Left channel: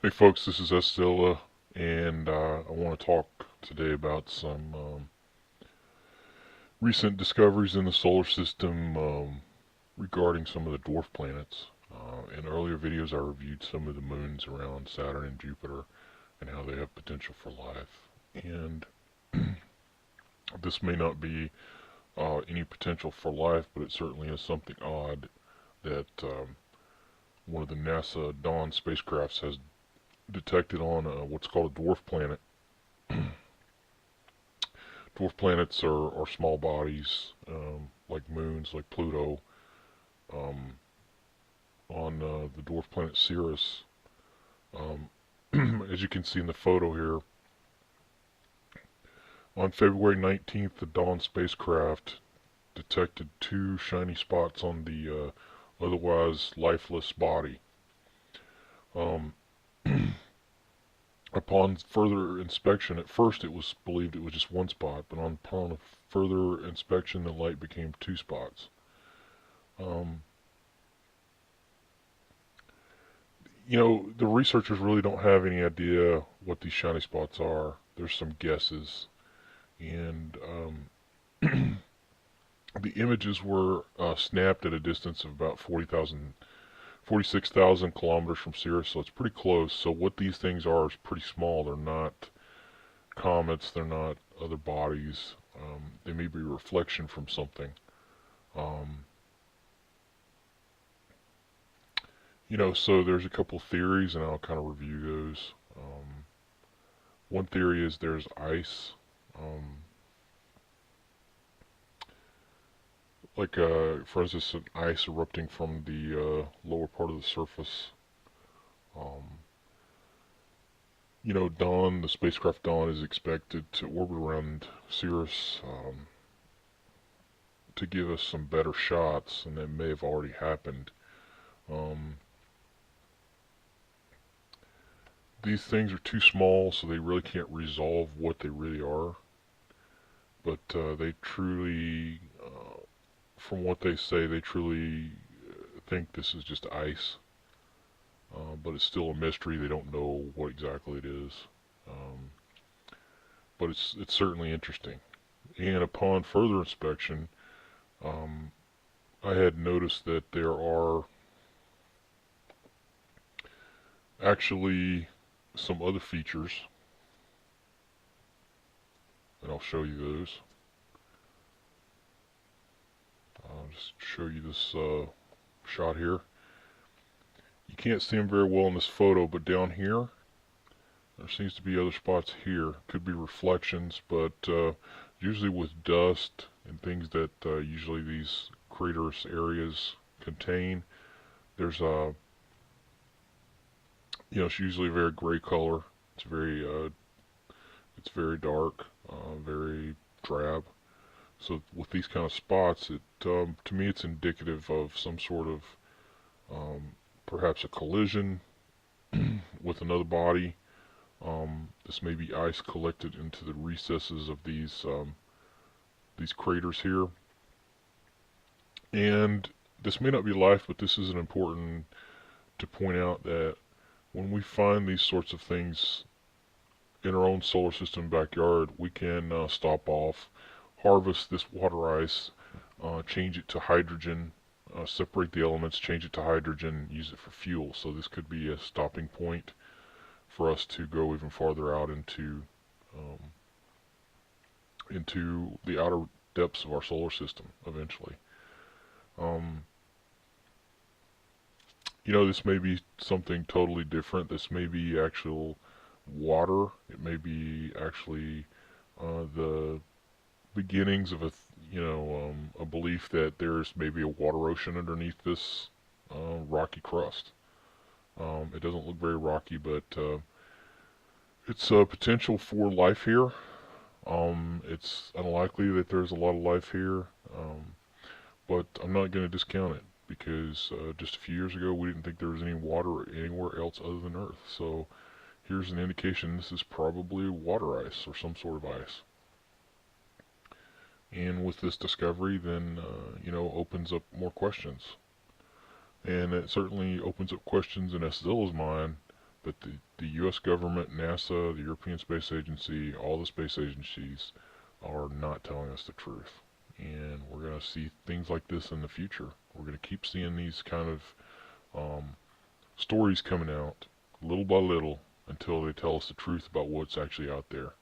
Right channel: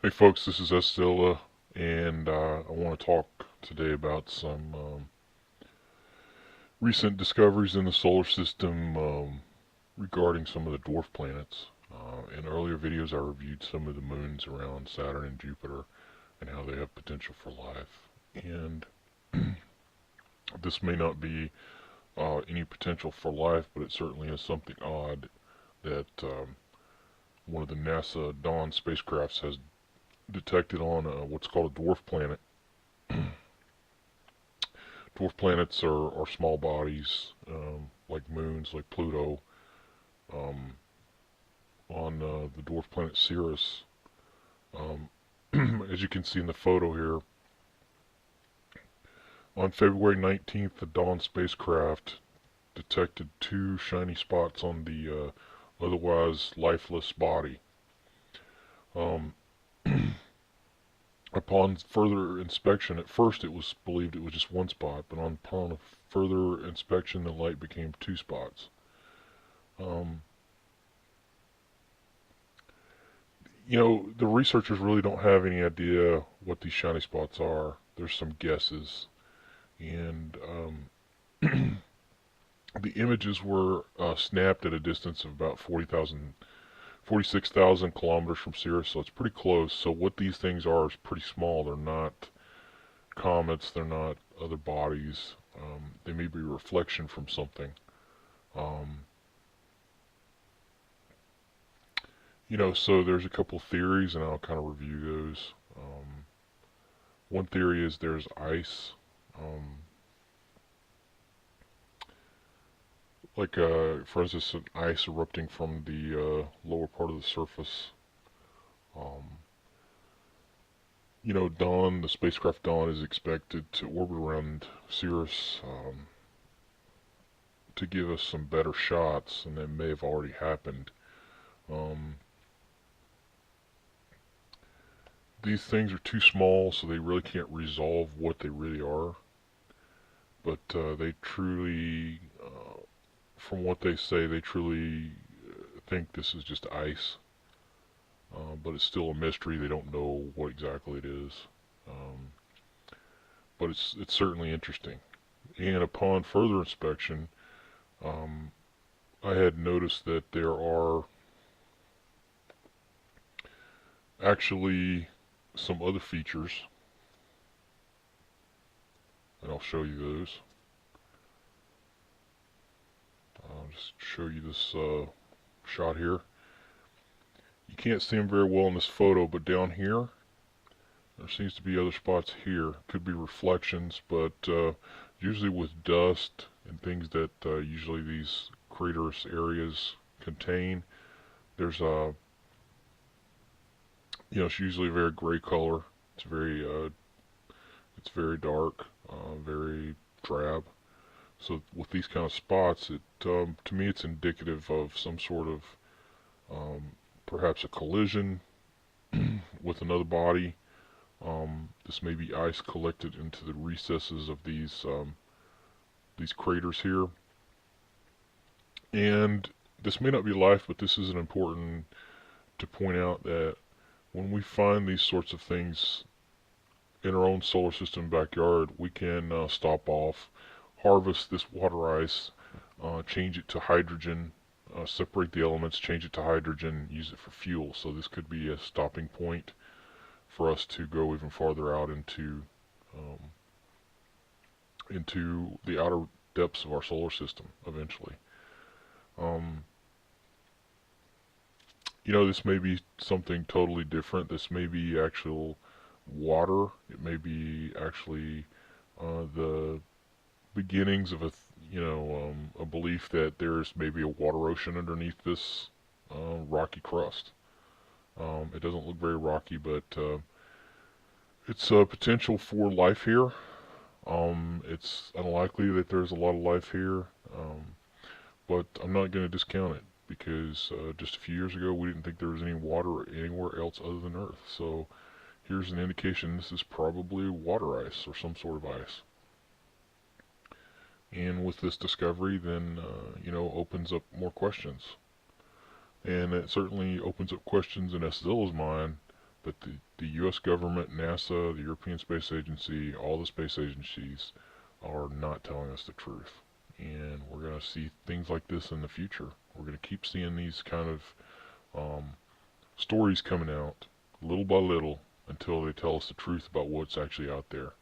Hey folks, this is Estella, and I want to talk today about some recent discoveries in the solar system regarding some of the dwarf planets. In earlier videos, I reviewed some of the moons around Saturn and Jupiter and how they have potential for life. And this may not be any potential for life, but it certainly is something odd that one of the NASA Dawn spacecrafts has detected on what's called a dwarf planet. Dwarf planets are small bodies, like moons, like Pluto. Um, on the dwarf planet Ceres, um, as you can see in the photo here, on February 19th, the Dawn spacecraft detected two shiny spots on the otherwise lifeless body. Um, upon further inspection, at first it was believed it was just one spot, but upon further inspection, the light became two spots. Um, the researchers really don't have any idea what these shiny spots are. There's some guesses. And the images were snapped at a distance of about 46,000 kilometers from Ceres, so it's pretty close. So what these things are is pretty small. They're not comets, they're not other bodies. They may be a reflection from something. Um, so there's a couple theories, and I'll kind of review those. One theory is there's ice, um, for instance, an ice erupting from the lower part of the surface. Um, Dawn, the spacecraft Dawn, is expected to orbit around Ceres to give us some better shots, and that may have already happened. Um, these things are too small, so they really can't resolve what they really are. But they truly, from what they say, they truly think this is just ice. But it's still a mystery. They don't know what exactly it is. Um, but it's certainly interesting. And upon further inspection, um, I had noticed that there are actually some other features, and I'll show you those. I'll just show you this shot here. You can't see them very well in this photo, but down here, there seems to be other spots here. Could be reflections, but usually with dust and things that usually these craterous areas contain, there's it's usually a very gray color. It's very dark, very drab. So with these kind of spots, it to me it's indicative of some sort of perhaps a collision with another body. This may be ice collected into the recesses of these craters here, and this may not be life, but this is important to point out that when we find these sorts of things in our own solar system backyard, we can stop off, harvest this water ice, change it to hydrogen, separate the elements, change it to hydrogen, use it for fuel. So this could be a stopping point for us to go even farther out um, into the outer depths of our solar system eventually. Um, this may be something totally different. This may be actual water. It may be actually the beginnings of a belief that there's maybe a water ocean underneath this rocky crust. It doesn't look very rocky, but it's a potential for life here. It's unlikely that there's a lot of life here, but I'm not going to discount it because just a few years ago we didn't think there was any water anywhere else other than Earth. So here's an indication this is probably water ice or some sort of ice. And with this discovery, then opens up more questions, and it certainly opens up questions in Estella's mind But the U.S. government, NASA, the European Space Agency, all the space agencies are not telling us the truth. And we're going to see things like this in the future. We're going to keep seeing these kind of stories coming out little by little until they tell us the truth about what's actually out there.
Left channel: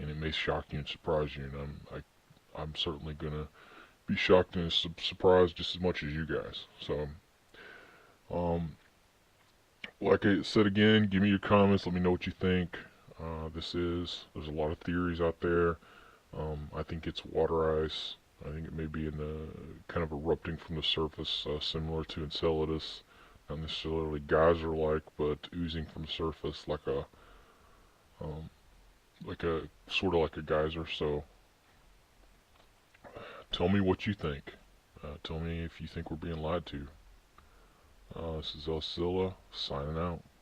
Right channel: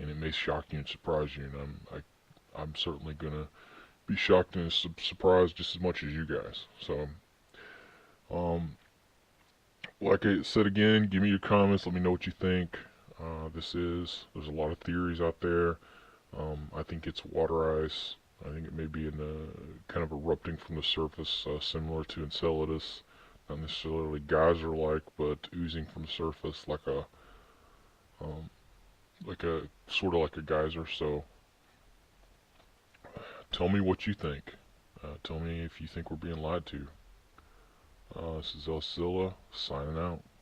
And it may shock you and surprise you. And I'm certainly going to be shocked and surprised just as much as you guys. So, like I said again, give me your comments. Let me know what you think. There's a lot of theories out there. I think it's water ice. I think it may be in kind of erupting from the surface, similar to Enceladus. Not necessarily geyser-like, but oozing from the surface like a sort of like a geyser. So, tell me what you think. Tell me if you think we're being lied to. This is Oscilla signing out.